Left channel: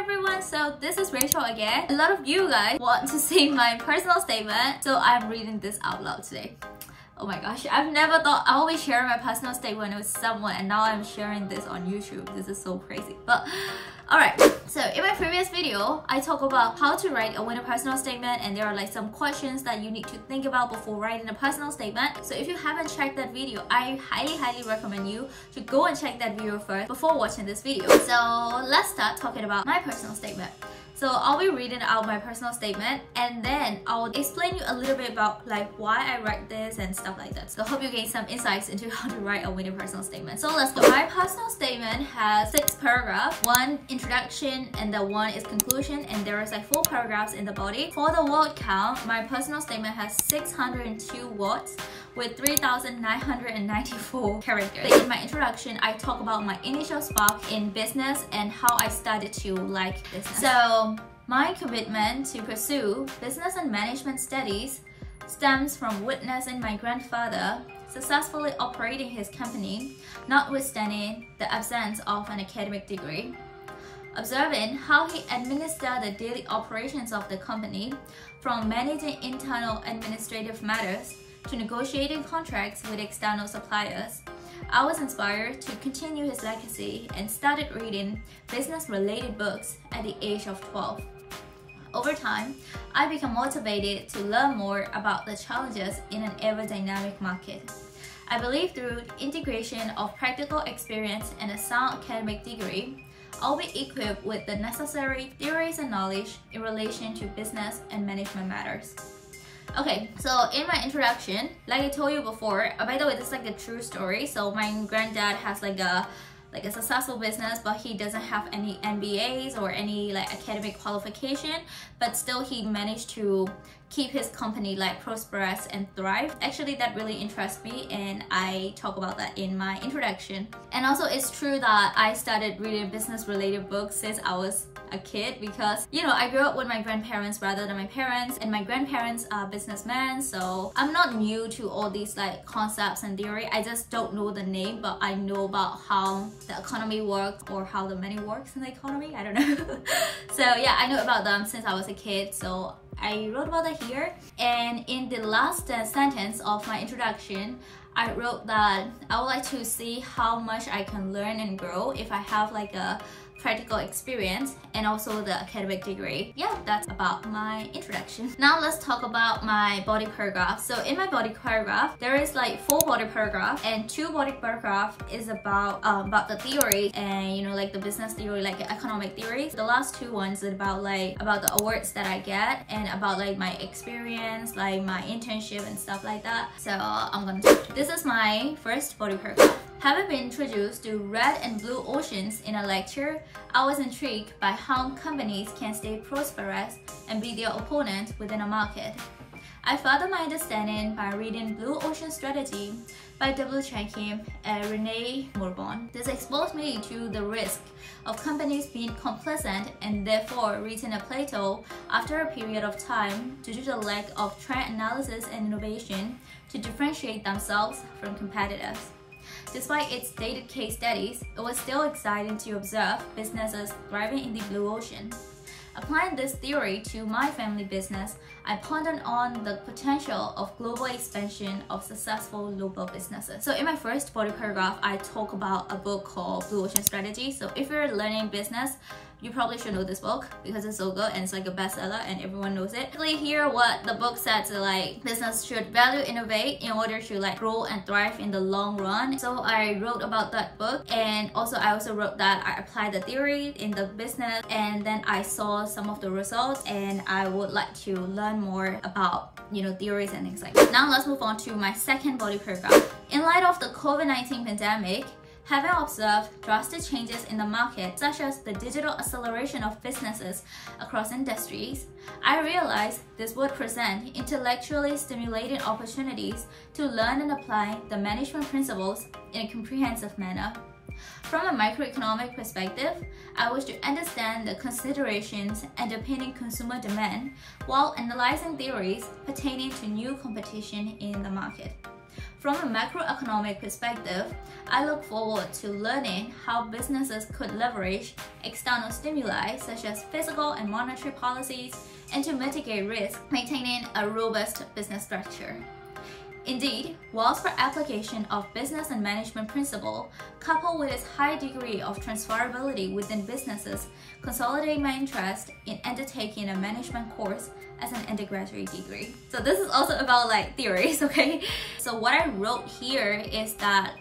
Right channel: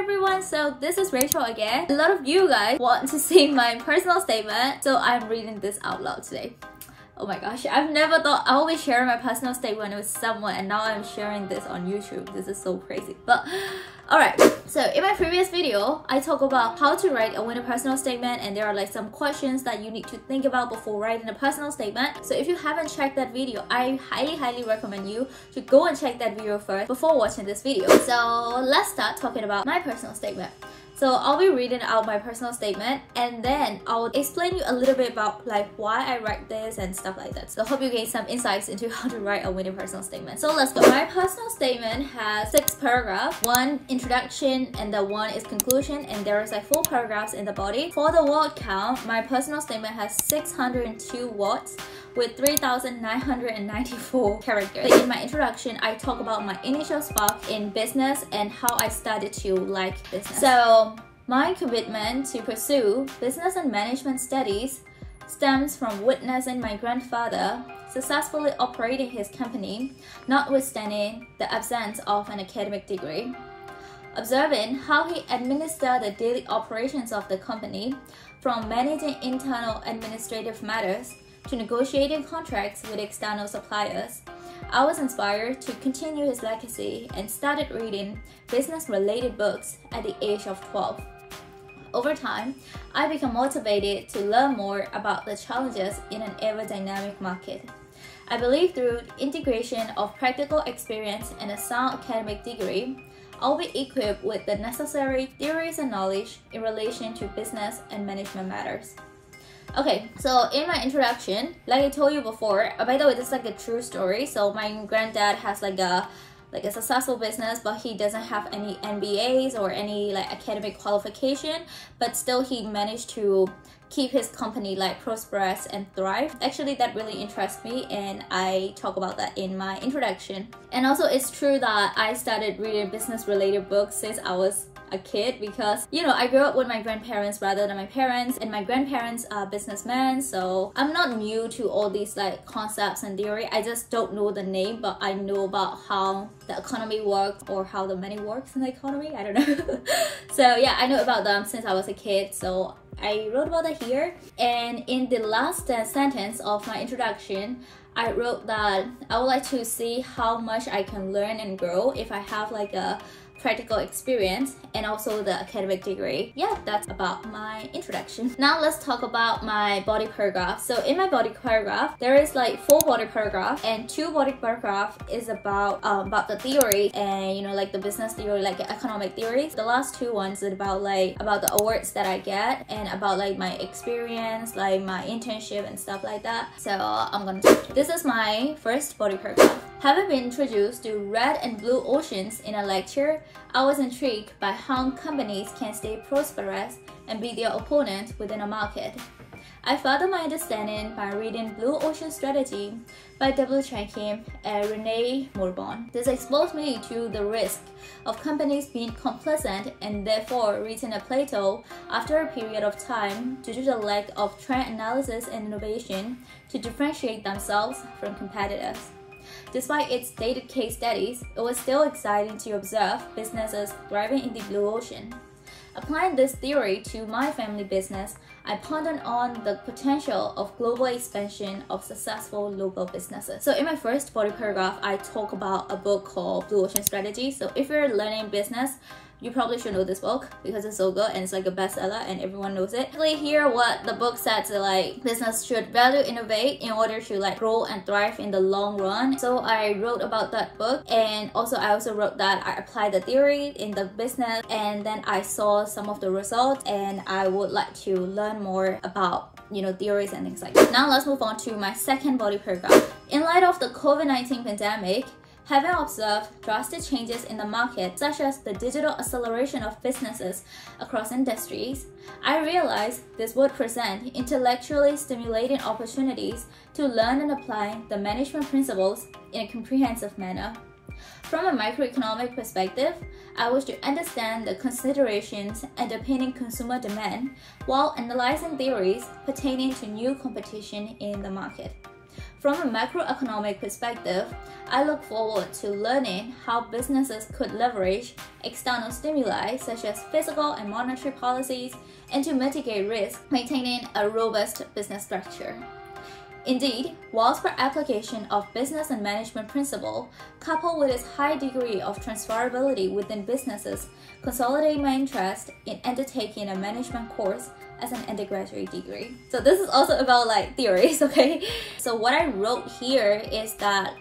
everyone, so this is Rachel again. A lot of you guys want to see my personal statement, so I'm reading this out loud today. Oh my gosh, I've never thought I will be sharing my personal statement with someone, and now I'm sharing this on YouTube. This is so crazy. But alright, so in my previous video, I talk about how to write a winning personal statement, and there are like some questions that you need to think about before writing a personal statement. So if you haven't checked that video, I highly recommend you to go and check that video first before watching this video. So let's start talking about my personal statement. So I'll be reading out my personal statement, and then I'll explain you a little bit about like why I write this and stuff like that. So I hope you gain some insights into how to write a winning personal statement. So let's go. My personal statement has 6 paragraphs, 1 introduction, and the 1 is conclusion, and there is like 4 paragraphs in the body. For the word count, my personal statement has 602 words with 3,994 characters. But in my introduction, I talk about my initial spark in business and how I started to like business. So my commitment to pursue business and management studies stems from witnessing my grandfather successfully operating his company, notwithstanding the absence of an academic degree. Observing how he administered the daily operations of the company, from managing internal administrative matters to negotiating contracts with external suppliers, I was inspired to continue his legacy and started reading business-related books at the age of 12. Over time, I became motivated to learn more about the challenges in an ever-dynamic market. I believe through the integration of practical experience and a sound academic degree, I'll be equipped with the necessary theories and knowledge in relation to business and management matters. Okay, so in my introduction, like I told you before, by the way, this is like a true story. So my granddad has like a successful business, but he doesn't have any MBAs or any like academic qualification, but still he managed to keep his company like prosperous and thrive. Actually, that really interests me, and I talk about that in my introduction. And also, it's true that I started reading business related books since I was a kid, because you know, I grew up with my grandparents rather than my parents, and my grandparents are businessmen, so I'm not new to all these like concepts and theory. I just don't know the name, but I know about how the economy works or how the money works in the economy. I don't know. So yeah, I know about them since I was a kid, so I wrote about that here. And in the last sentence of my introduction, I wrote that I would like to see how much I can learn and grow if I have like a practical experience and also the academic degree. Yeah, that's about my introduction. Now let's talk about my body paragraph. So in my body paragraph, there is like 4 body paragraphs, and 2 body paragraph is about the theory and you know, like the business theory, like economic theories. The last 2 ones is about the awards that I get and about like my experience, like my internship and stuff like that. So I'm gonna start. This is my first body paragraph. Having been introduced to red and blue oceans in a lecture, I was intrigued by how companies can stay prosperous and beat their opponent within a market. I further my understanding by reading Blue Ocean Strategy by W. Chan Kim and Renee Morborn. This exposed me to the risk of companies being complacent and therefore reaching a plateau after a period of time due to the lack of trend analysis and innovation to differentiate themselves from competitors. Despite its dated case studies, it was still exciting to observe businesses thriving in the blue ocean. Applying this theory to my family business, I pondered on the potential of global expansion of successful local businesses. So in my first body paragraph, I talk about a book called Blue Ocean Strategy. So if you're learning business, you probably should know this book because it's so good and it's like a bestseller and everyone knows it. Basically here what the book says is like business should value innovate in order to like grow and thrive in the long run. So I wrote about that book, and also I also wrote that I applied the theory in the business, and then I saw some of the results, and I would like to learn more about, you know, theories and things like that. Now let's move on to my second body paragraph. In light of the COVID-19 pandemic, having observed drastic changes in the market, such as the digital acceleration of businesses across industries, I realized this would present intellectually stimulating opportunities to learn and apply the management principles in a comprehensive manner. From a microeconomic perspective, I wish to understand the considerations underpinning consumer demand while analyzing theories pertaining to new competition in the market. From a macroeconomic perspective, I look forward to learning how businesses could leverage external stimuli such as fiscal and monetary policies and to mitigate risk, maintaining a robust business structure. Indeed, whilst for application of business and management principle, coupled with its high degree of transferability within businesses, consolidate my interest in undertaking a management course as an undergraduate degree. So this is also about like theories, okay? So what I wrote here is that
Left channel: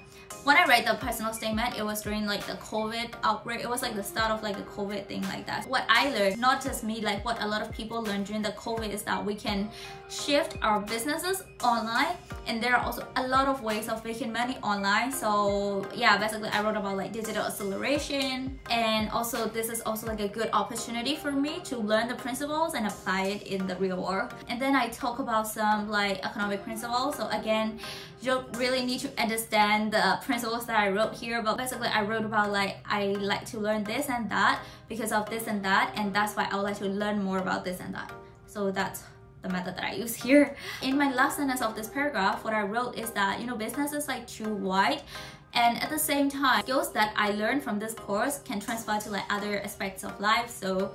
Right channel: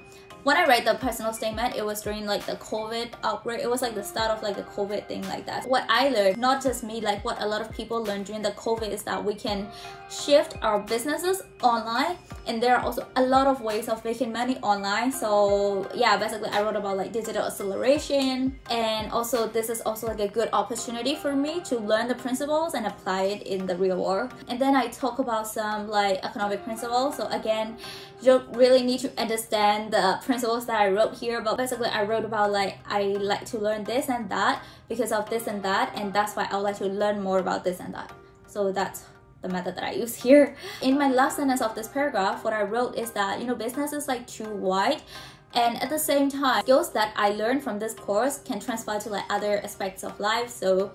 when I write the personal statement, it was during like the COVID outbreak. It was like the start of like the COVID thing like that. What I learned, not just me, like what a lot of people learned during the COVID is that we can shift our businesses online, and there are also a lot of ways of making money online. So yeah, basically I wrote about like digital acceleration, and also this is also like a good opportunity for me to learn the principles and apply it in the real world. And then I talk about some like economic principles. So again, you don't really need to understand the principles that I wrote here, but basically I wrote about like I like to learn this and that because of this and that, and that's why I would like to learn more about this and that. So that's the method that I use here. In my last sentence of this paragraph, what I wrote is that, you know, business is like too wide, and at the same time, skills that I learned from this course can transfer to like other aspects of life. So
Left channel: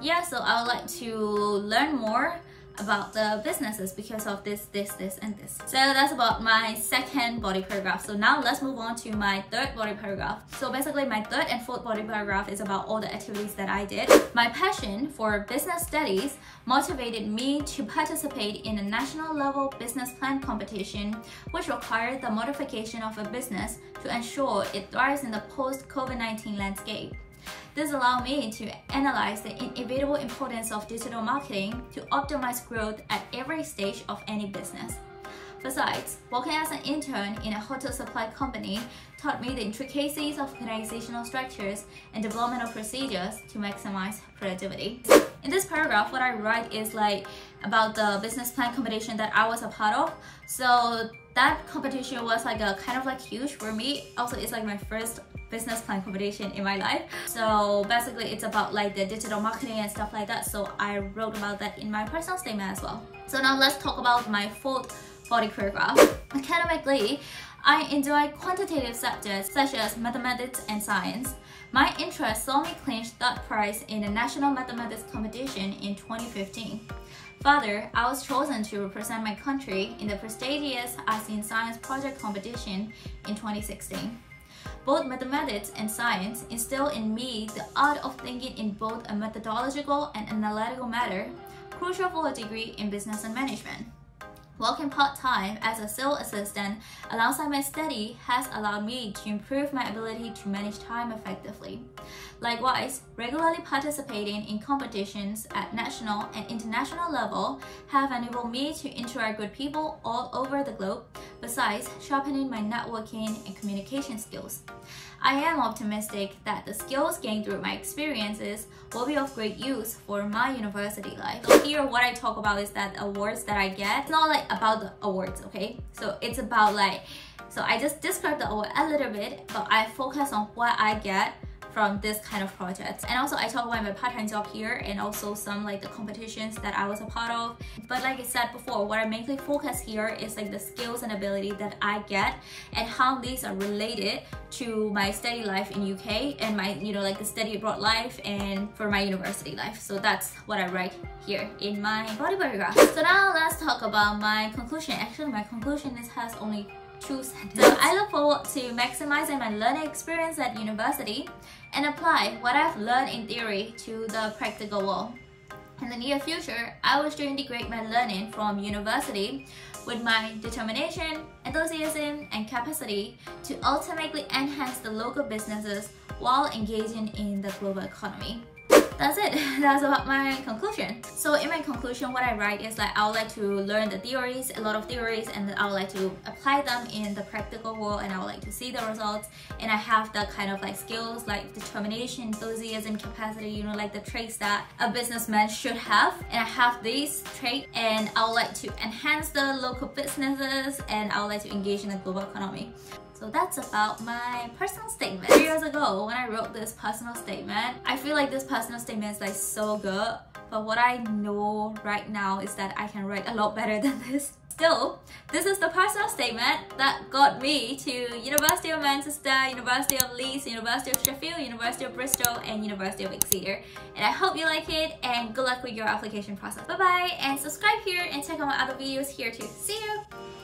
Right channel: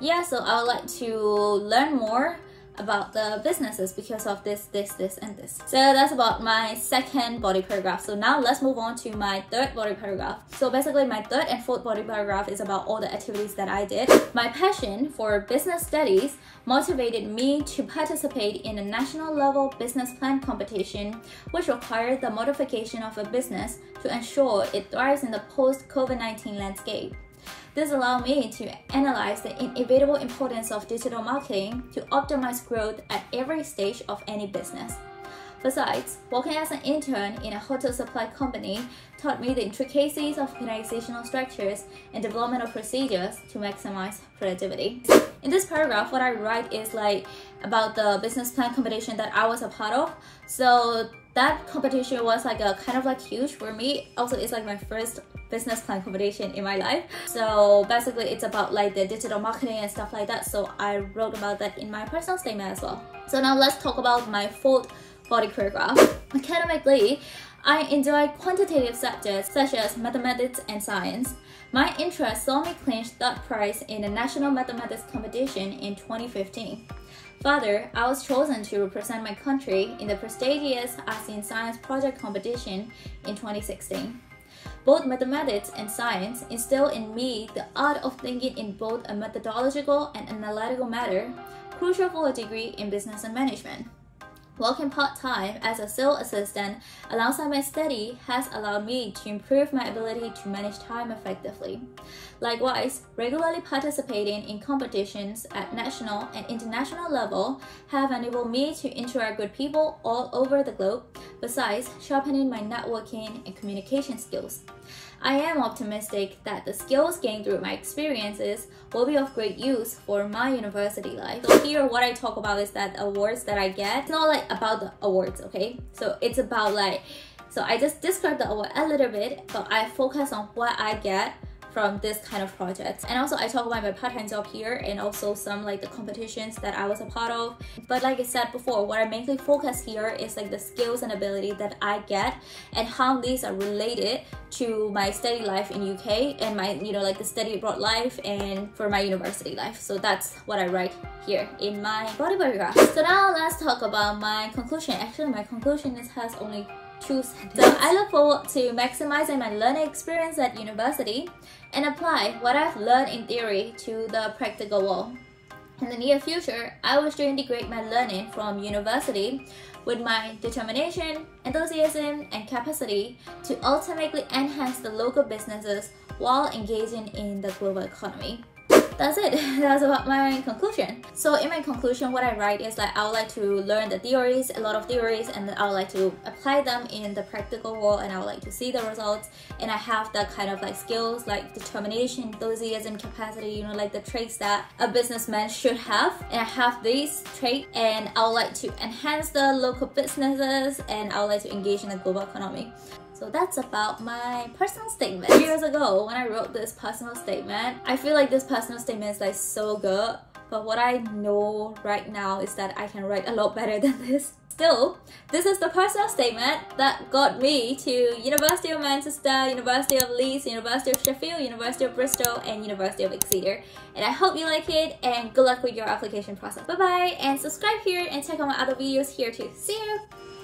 yeah, so I would like to learn more about the businesses because of this, and this. So that's about my second body paragraph. So now let's move on to my third body paragraph. So basically my third and fourth body paragraph is about all the activities that I did. My passion for business studies motivated me to participate in a national level business plan competition, which required the modification of a business to ensure it thrives in the post-COVID-19 landscape. This allowed me to analyze the inevitable importance of digital marketing to optimize growth at every stage of any business. Besides, working as an intern in a hotel supply company taught me the intricacies of organizational structures and developmental procedures to maximize productivity. In this paragraph, what I write is like about the business plan competition that I was a part of. So that competition was like a kind of like huge for me. Also, it's like my first business plan competition in my life. So basically it's about like the digital marketing and stuff like that. So I wrote about that in my personal statement as well. So now let's talk about my fourth body paragraph. Academically, I enjoy quantitative subjects such as mathematics and science. My interest saw me clinch third prize in a national mathematics competition in 2015. Further, I was chosen to represent my country in the prestigious ASEAN Science Project competition in 2016. Both mathematics and science instill in me the art of thinking in both a methodological and analytical manner, crucial for a degree in business and management. Working part-time as a sales assistant alongside my study has allowed me to improve my ability to manage time effectively. Likewise, regularly participating in competitions at national and international level have enabled me to interact with people all over the globe, besides sharpening my networking and communication skills. I am optimistic that the skills gained through my experiences will be of great use for my university life. So here what I talk about is that awards that I get, it's not like about the awards, okay? So it's about like, so I just describe the award a little bit, but I focus on what I get from this kind of project. And also I talk about my part-time job here and also some like the competitions that I was a part of. But like I said before, what I mainly focus here is like the skills and ability that I get and how these are related to my study life in UK and my, you know, like the study abroad life and for my university life. So that's what I write here in my body paragraph. So now let's talk about my conclusion. Actually, my conclusion has only 2 sentences. So I look forward to maximizing my learning experience at university and apply what I've learned in theory to the practical world. In the near future, I wish to integrate my learning from university with my determination, enthusiasm, and capacity to ultimately enhance the local businesses while engaging in the global economy. That's it. That's about my conclusion. So in my conclusion, what I write is like I would like to learn the theories, a lot of theories, and then I would like to apply them in the practical world, and I would like to see the results. And I have that kind of like skills like determination, enthusiasm, capacity, you know, like the traits that a businessman should have. And I have these traits, and I would like to enhance the local businesses, and I would like to engage in the global economy. So that's about my personal statement. 3 years ago, when I wrote this personal statement, I feel like this personal statement is like so good. But what I know right now is that I can write a lot better than this. Still, this is the personal statement that got me to University of Manchester, University of Leeds, University of Sheffield, University of Bristol, and University of Exeter. And I hope you like it, and good luck with your application process. Bye bye, and subscribe here and check out my other videos here too. See you!